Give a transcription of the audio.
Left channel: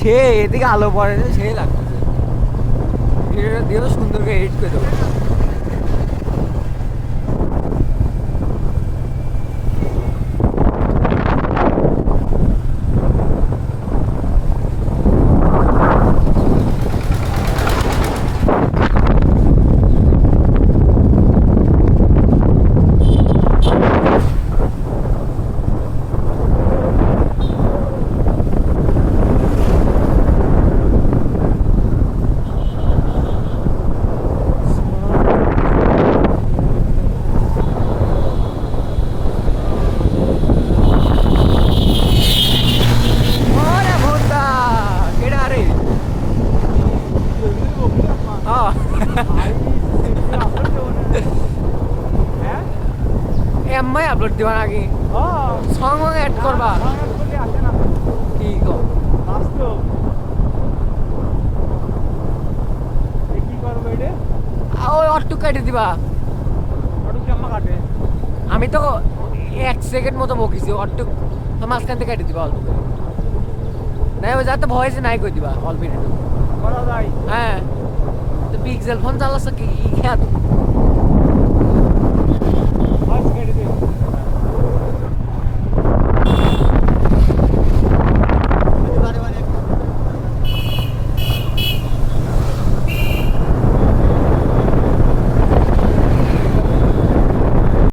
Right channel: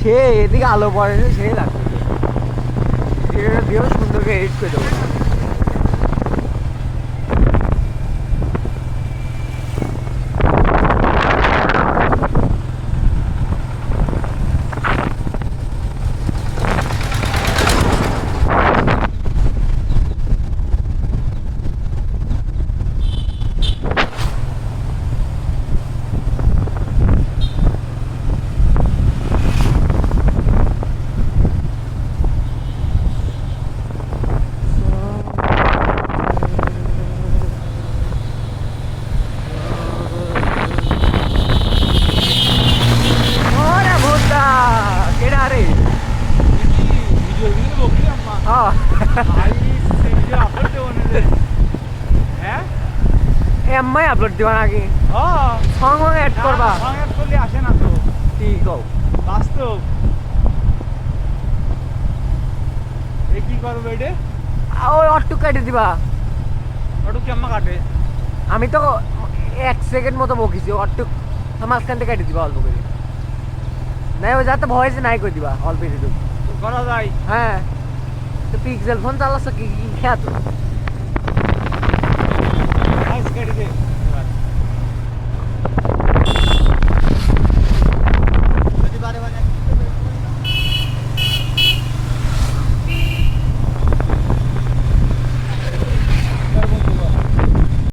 সে এদিকে আলো পড়ে না, সে লাগতেছে। এটা দিয়েও সুন্দর করে এডিট করে দেবো। ওরে ভোদা, কেডা রে? এমআই আপলোড দিবা নাকি? সং অ্যাড করবা? কি কও? ওই অট্টু কেটে দিবা। আমি তো 1 সেকেন্ড মতো বকিছি, অট্টু মাঝখান থেকে কেটে দিবা অল্প করে। নাই ওই যাতে ভয়েস নাই করে দিবা অল্প একটু। করা যায়। হ্যাঁ, তো পিক্সেল ফোন চালাচ্ছ কি?